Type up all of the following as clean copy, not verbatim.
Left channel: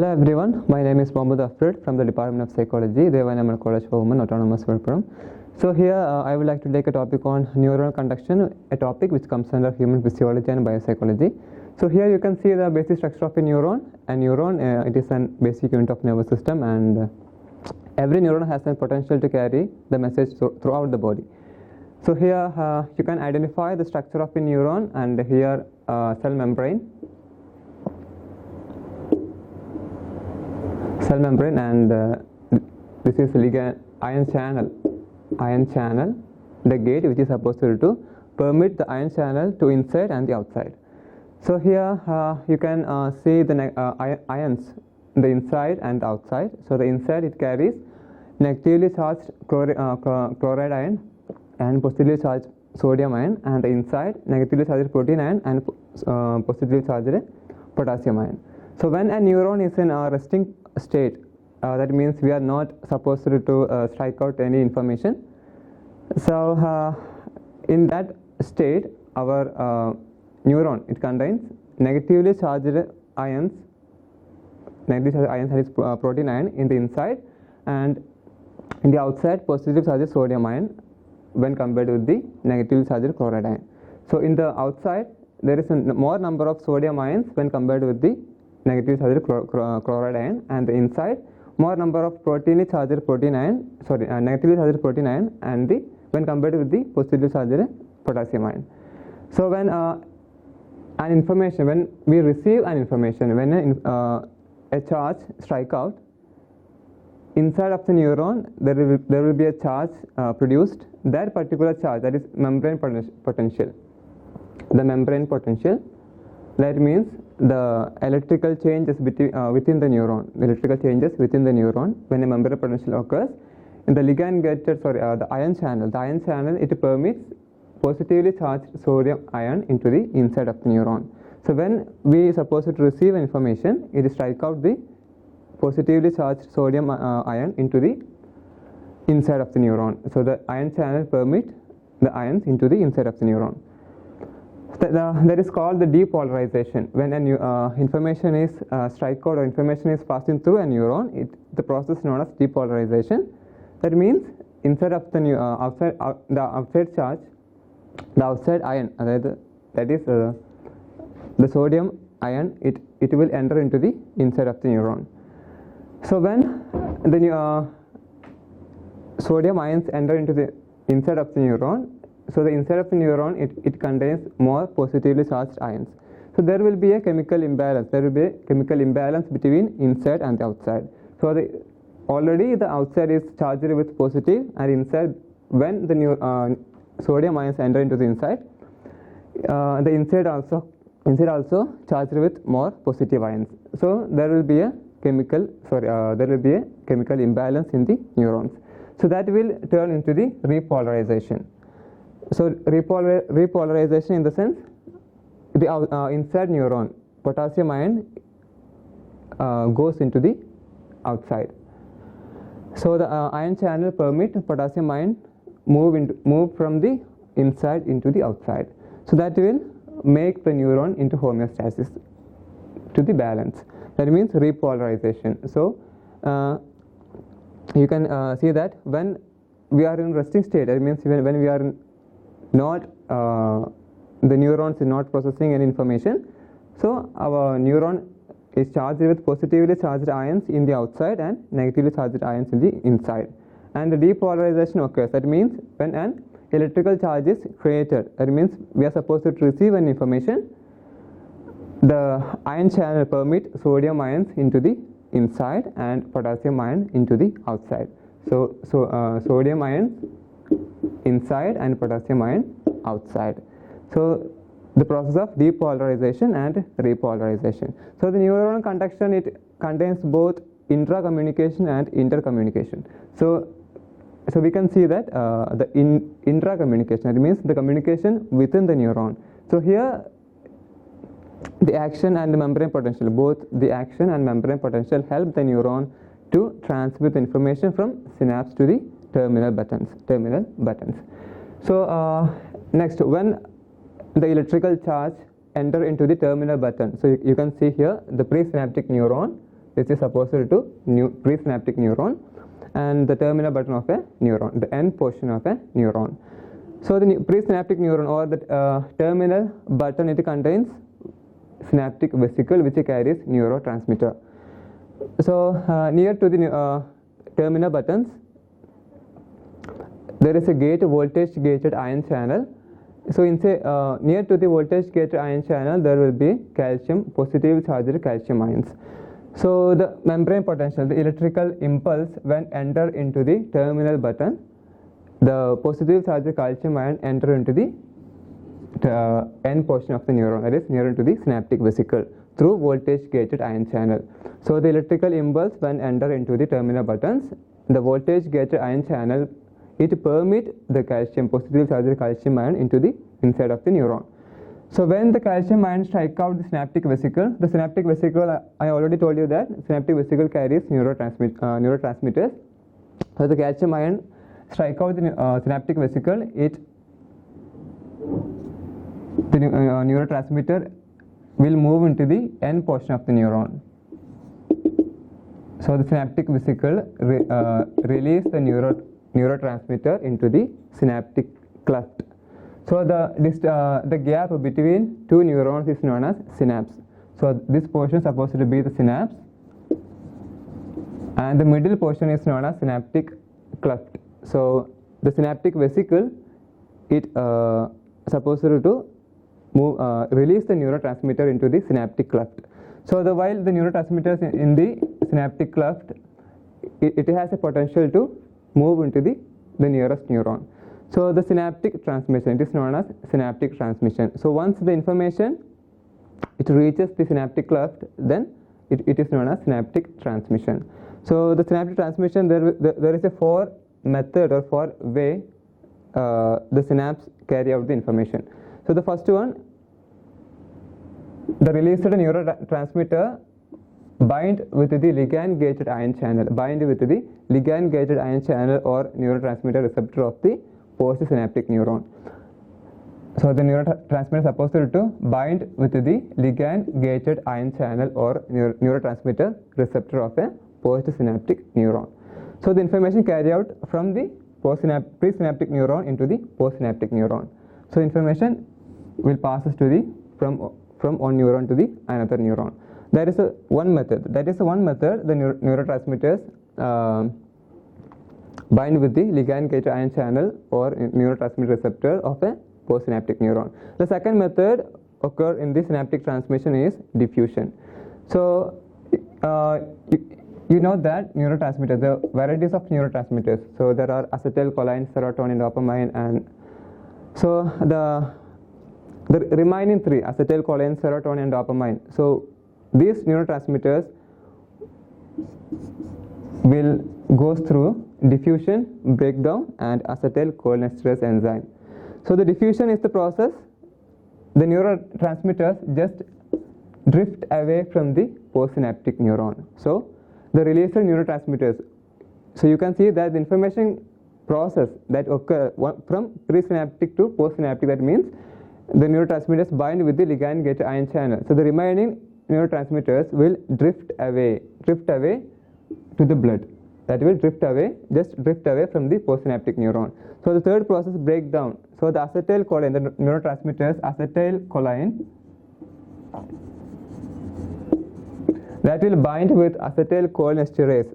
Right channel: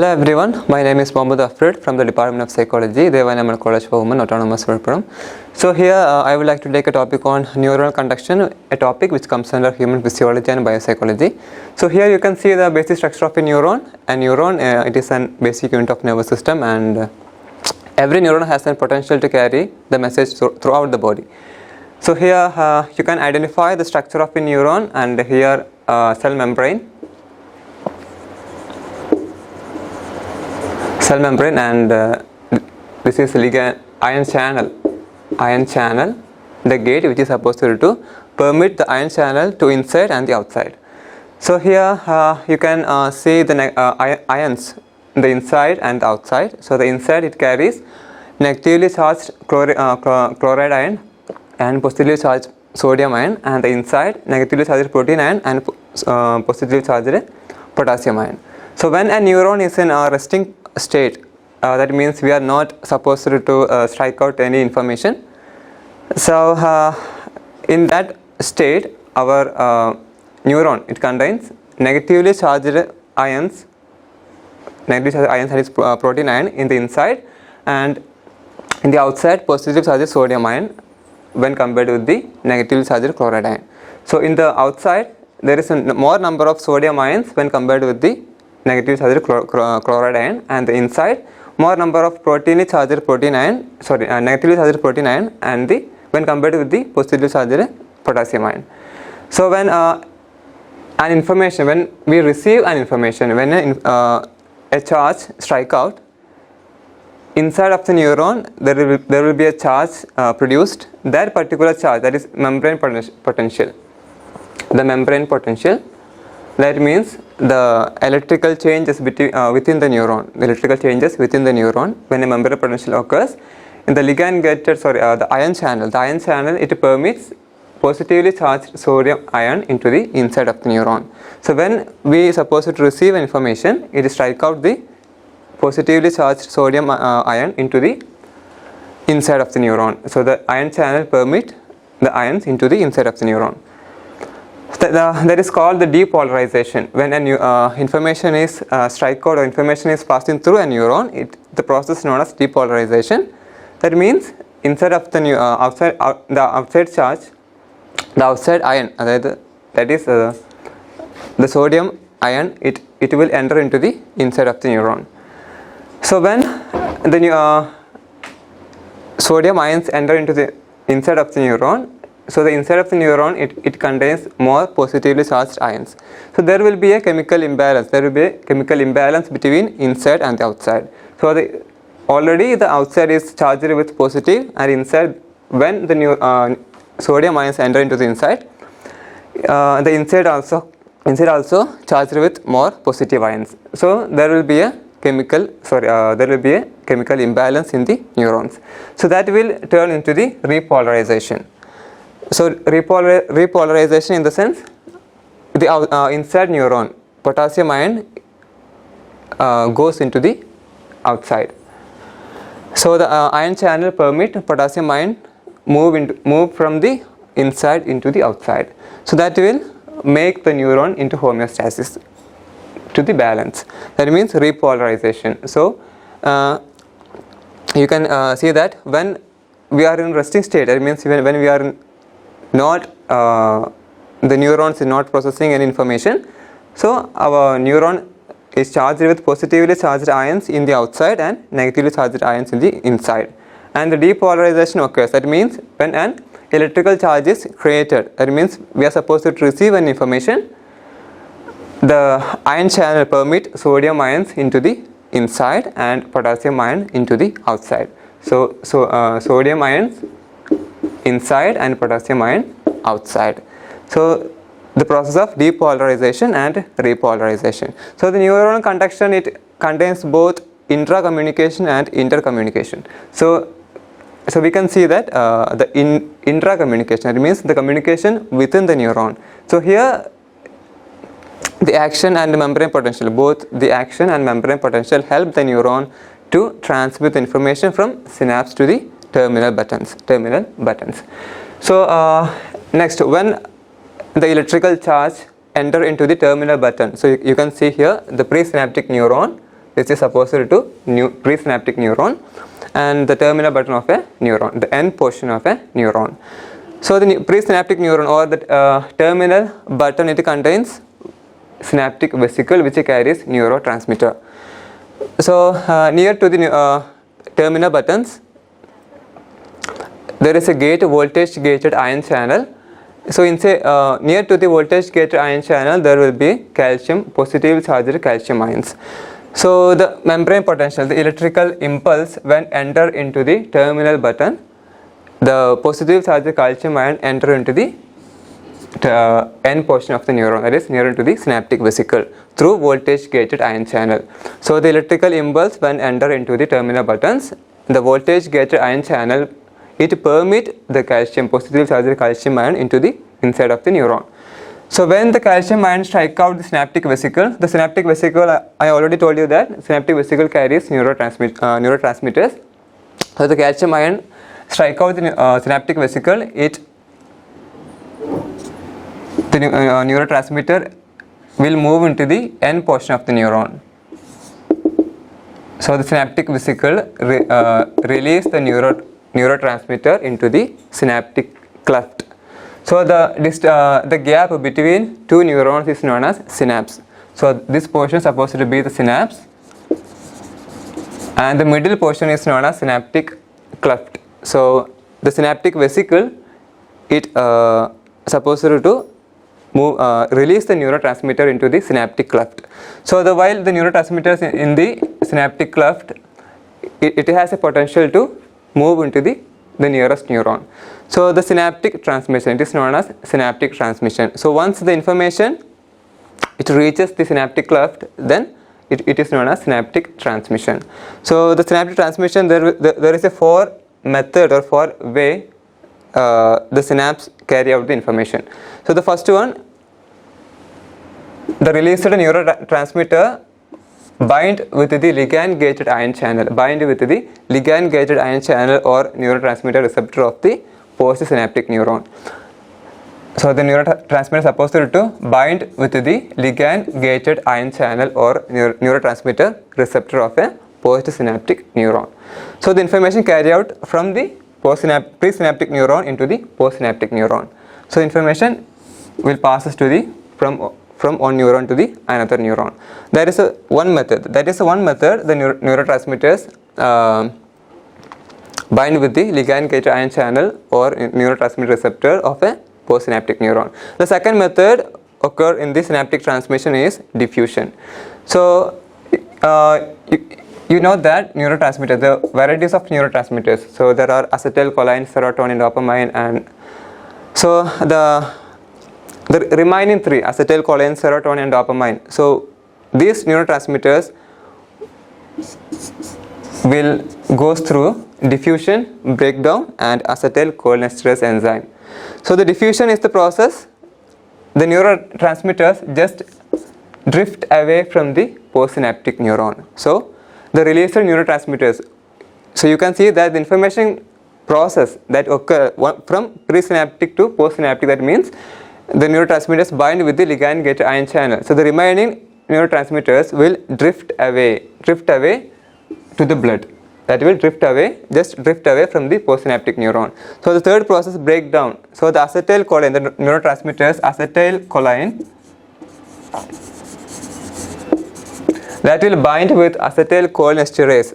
Hello everyone, my name is Mohamed Afread from the Department of Psychology, Theivanai Ammal College for Women, Autonomous Villupuram. So here I would like to take a topic on neuronal conduction, a topic which comes under human physiology and biopsychology. So here you can see the basic structure of a neuron. A neuron, it is a basic unit of nervous system, and every neuron has a potential to carry the message throughout the body. So here you can identify the structure of a neuron, and here cell membrane, and this is ligand ion channel, the gate which is supposed to permit the ion channel to inside and the outside. So here you can see the ions, the inside and the outside. So the inside, it carries negatively charged chloride ion and positively charged sodium ion, and the inside negatively charged protein ion and positively charged potassium ion. So when a neuron is in a resting state, that means we are not supposed to strike out any information. So in that state, our neuron, it contains negatively charged ions, that is protein ion in the inside, and in the outside positively charged sodium ion when compared with the negatively charged chloride ion. So in the outside, there is a more number of sodium ions when compared with the negatively charged chloride ion, and the inside more number of negatively charged protein ion, and when compared with the positively charged potassium ion. So when when we receive an information, when a charge strike out inside of the neuron, there will be a charge produced. That particular charge, that is membrane potential. The membrane potential, that means the electrical changes within the neuron. The electrical changes within the neuron when a membrane potential occurs in the the ion channel. The ion channel, it permits positively charged sodium ion into the inside of the neuron. So when we are supposed to receive information, it strike out the positively charged sodium ion into the inside of the neuron. So the ion channel permit the ions into the inside of the neuron. That is called the depolarization. When information is strike out or information is passing through a neuron, the process known as depolarization. That means inside of the outside charge, the outside ion, that is the sodium ion, it will enter into the inside of the neuron. So when the sodium ions enter into the inside of the neuron, so the inside of the neuron, it contains more positively charged ions. So there will be a chemical imbalance. There will be a chemical imbalance between inside and the outside. So already the outside is charged with positive, and inside, when the sodium ions enter into the inside, the inside also charged with more positive ions. So there will be a chemical imbalance in the neurons. So that will turn into the repolarization. So repolarization in the sense, the inside neuron, potassium ion goes into the outside. So the ion channel permit potassium ion move from the inside into the outside. So that will make the neuron into homeostasis, to the balance. That means repolarization. So you can see that when we are in resting state, that means when we are the neurons is not processing any information, so our neuron is charged with positively charged ions in the outside and negatively charged ions in the inside, and the depolarization occurs. That means when an electrical charge is created, that means we are supposed to receive an information, the ion channel permit sodium ions into the inside and potassium ion into the outside. So sodium ions inside and potassium ion outside. So the process of depolarization and repolarization. So the neuronal conduction, it contains both intra-communication and intercommunication. So we can see that the intra-communication, it means the communication within the neuron. So here the action and the membrane potential, both the action and membrane potential help the neuron to transmit information from synapse to the terminal buttons. So next, when the electrical charge enter into the terminal button, so you can see here the presynaptic neuron which is opposite to presynaptic neuron, and the terminal button of a neuron, the end portion of a neuron. So the presynaptic neuron or the terminal button, it contains synaptic vesicle which carries neurotransmitter. So near to the terminal buttons there is a voltage gated ion channel. So near to the voltage gated ion channel there will be positive charged calcium ions. So the membrane potential, the electrical impulse when enter into the terminal button, the positive charged calcium ion enter into the end portion of the neuron, that is near to the synaptic vesicle through voltage gated ion channel. So the electrical impulse when enter into the terminal buttons, the voltage gated ion channel, it permit the positive charged calcium ion into the inside of the neuron. So when the calcium ion strike out the synaptic vesicle, I already told you that synaptic vesicle carries neurotransmitters. So the calcium ion strike out the synaptic vesicle, the neurotransmitter will move into the end portion of the neuron. So the synaptic vesicle release the neurotransmitter into the synaptic cleft. So the gap between two neurons is known as synapse. So this portion is supposed to be the synapse, and the middle portion is known as synaptic cleft. So the synaptic vesicle, it supposed to release the neurotransmitter into the synaptic cleft. So while the neurotransmitters in the synaptic cleft, it has a potential to move into the nearest neuron. So the synaptic transmission, it is known as synaptic transmission. So once the information it reaches the synaptic cleft, then it is known as synaptic transmission. So the synaptic transmission, there is a 4 method or 4 way the synapse carry out the information. So the first one, the released neurotransmitter bind with the ligand gated ion channel, or neurotransmitter receptor of the postsynaptic neuron. So the neurotransmitter is supposed to bind with the ligand gated ion channel or neurotransmitter receptor of a postsynaptic neuron. So the information carried out from the presynaptic neuron into the postsynaptic neuron. So information will passes to the from one neuron to the another neuron. That is one method. The neurotransmitters bind with the ligand gated ion channel or neurotransmitter receptor of a postsynaptic neuron. The second method occur in the synaptic transmission is diffusion. So you know that neurotransmitter, the varieties of neurotransmitters. So there are acetylcholine, serotonin, dopamine, and so the remaining 3, acetylcholine, serotonin, and dopamine. So these neurotransmitters will go through diffusion, breakdown, and acetylcholinesterase enzyme. So the diffusion is the process. The neurotransmitters just drift away from the postsynaptic neuron. So the released neurotransmitters. So you can see that the information process that occur from presynaptic to postsynaptic, that means the neurotransmitters bind with the ligand gated ion channel. So the remaining neurotransmitters will drift away to the blood. That will drift away from the postsynaptic neuron. So the third process, breakdown. So the acetylcholine, the neurotransmitters acetylcholine, that will bind with acetylcholinesterase.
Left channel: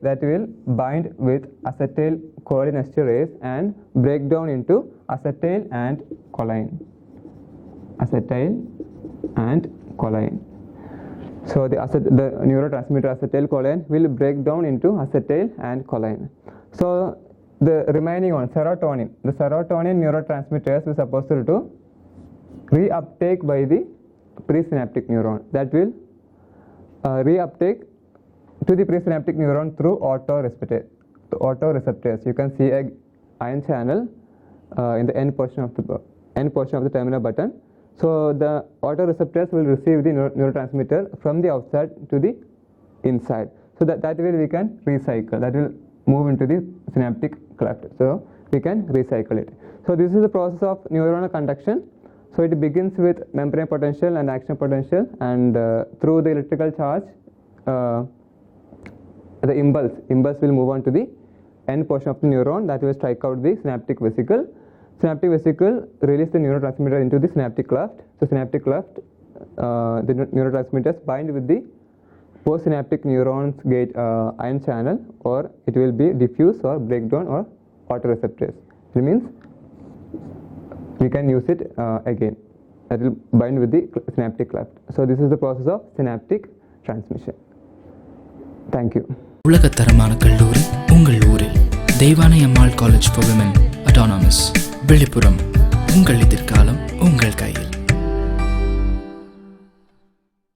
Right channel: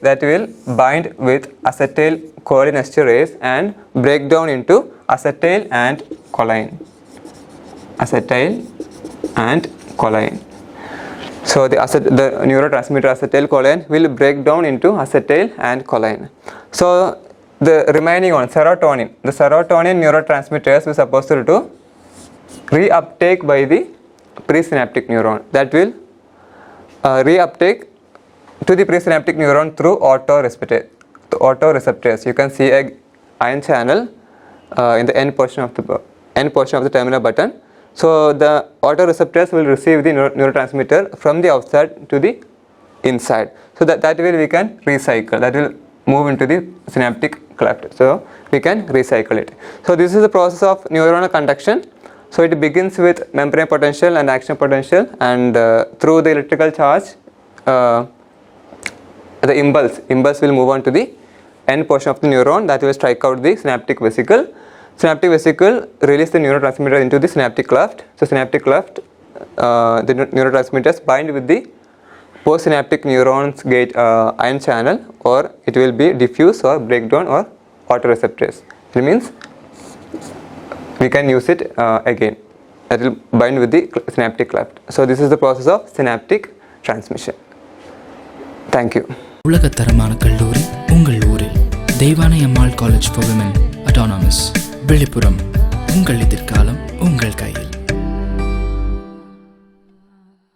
And break down into acetyl and choline. So the neurotransmitter acetylcholine will break down into acetyl and choline. So the remaining one, serotonin. The serotonin neurotransmitters is supposed to reuptake by the presynaptic neuron. That will reuptake to the presynaptic neuron through autoreceptors. You can see a ion channel in the end portion of the terminal button. So the autoreceptors will receive the neurotransmitter from the outside to the inside. So that way we can recycle. That will move into the synaptic cleft. So we can recycle it. So this is the process of neuronal conduction. So it begins with membrane potential and action potential, and through the electrical charge, the impulse will move on to the end portion of the neuron that will strike out the synaptic vesicle. Synaptic vesicle release the neurotransmitter into the synaptic cleft. So synaptic cleft, the neurotransmitters bind with the postsynaptic neurons gate ion channel, or it will be diffuse or breakdown or autoreceptors. It means we can use it again. That will bind with the synaptic cleft. So this is the process of synaptic transmission. Thank you. உலகத்தரமான கல்லூரி உங்கள் ஊரில் Deivanai Ammal college for women autonomous Viluppuram. உங்கள் எதிர்காலம் உங்கள் கையில்.